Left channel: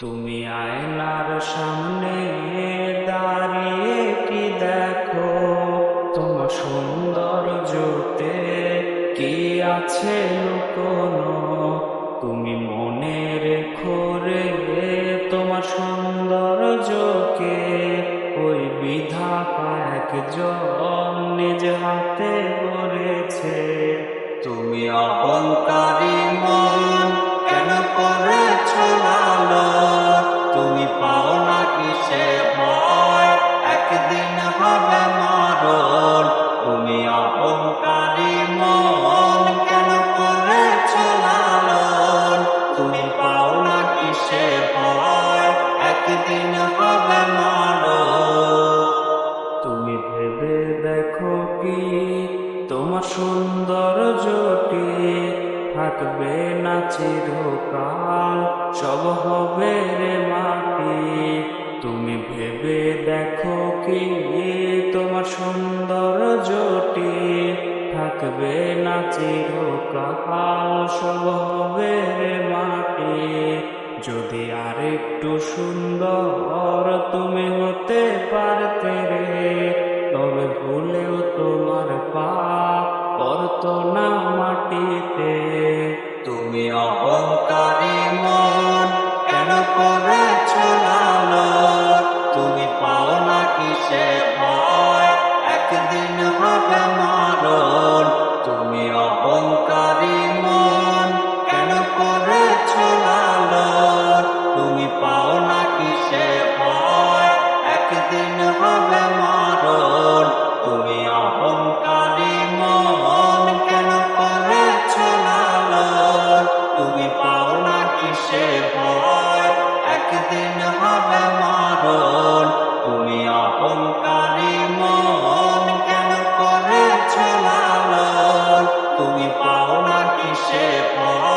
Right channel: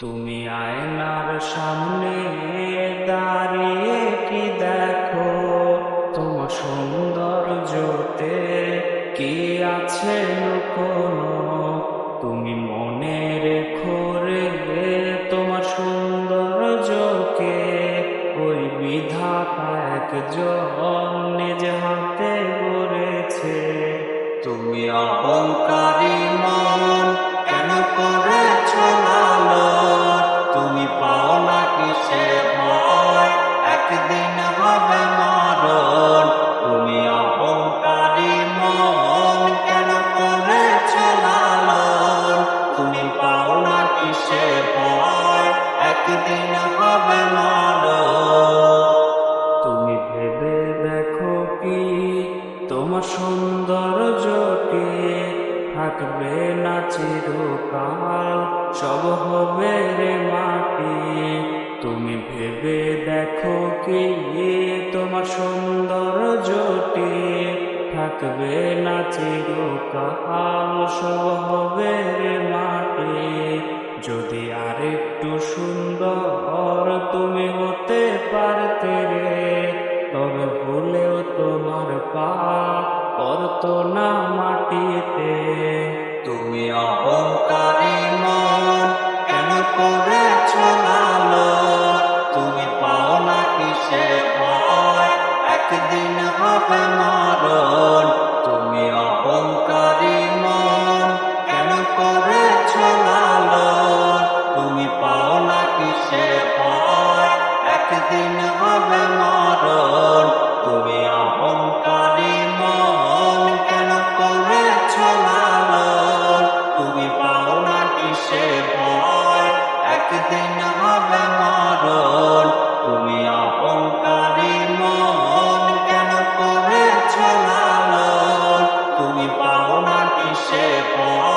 তুমি আয়নার সামনে দাঁড়িয়ে কি দেখো? তোমার সৌন্দর্যতে কি আছে লুকোনো? তুমি মনে রেখো রে, তোমার সৌন্দর্যকে ওই বিধাতা একজন নিজ হাতে গড়েছে। তুমি অহংকারী মন কেন করেছ লালন? তুমি পাও না কিসে ভয়, একদিন হবে মরণ। তুমি অহংকারী মন কেন করেছ লালন? তুমি পাও না কিসে ভয়, একদিন হবে মরণ। তুমি ভেবে দেখো কি তোমার সৌন্দর্যটি থাকবে না চিরকাল, সব হবে রে মাটি। তুমি ভেবে দেখো কি তোমার সৌন্দর্যটি থাকবে না চিরকাল, সব হবে রে মাটি। যদি আরেকটু সুন্দর তুমি হতে পারতে রে, তবে ভুলেও তোমার পা পড়তো না মাটিতে। তুমি অহংকারী মন কেন করেছ লালন? তুমি পাও না কিসে ভয়, একদিন হবে মরণ। তুমি অহংকারী মন কেন করেছ লালন? তুমি পাও না কিসে ভয়, একদিন হবে মরণ। তুমি অহংকারী মন কেন করেছ লালন? তুমি পাও না কিসে ভয়, একদিন হবে মরণ। তুমি অহংকারী মন কেন করেছ লালন? তুমি পাও না কিসে ভয়।